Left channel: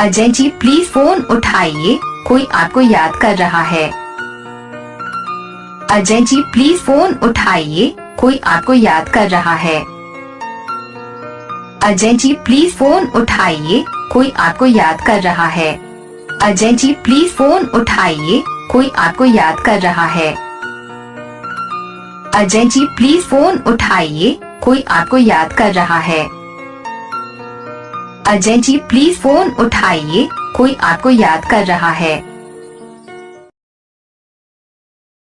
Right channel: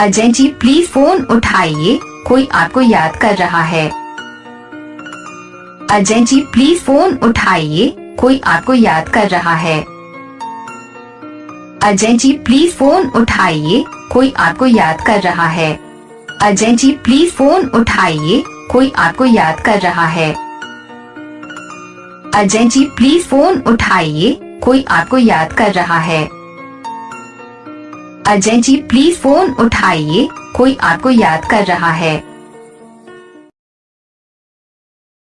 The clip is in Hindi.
अजय जी प्लीज फोन उठाइए, कोई आपको याद कर रहा है। अजय जी प्लीज फोन उठाइए, कोई आपको याद कर रहा है। अजय जी प्लीज फोन उठाइए, कोई आपको याद कर रहा है। अजय जी प्लीज फोन उठाइए, कोई आपको याद कर रहा है। अजय जी प्लीज फोन उठाइए, कोई आपको याद कर रहा है। अजय जी प्लीज फोन उठाइए, कोई आपको याद कर रहा है।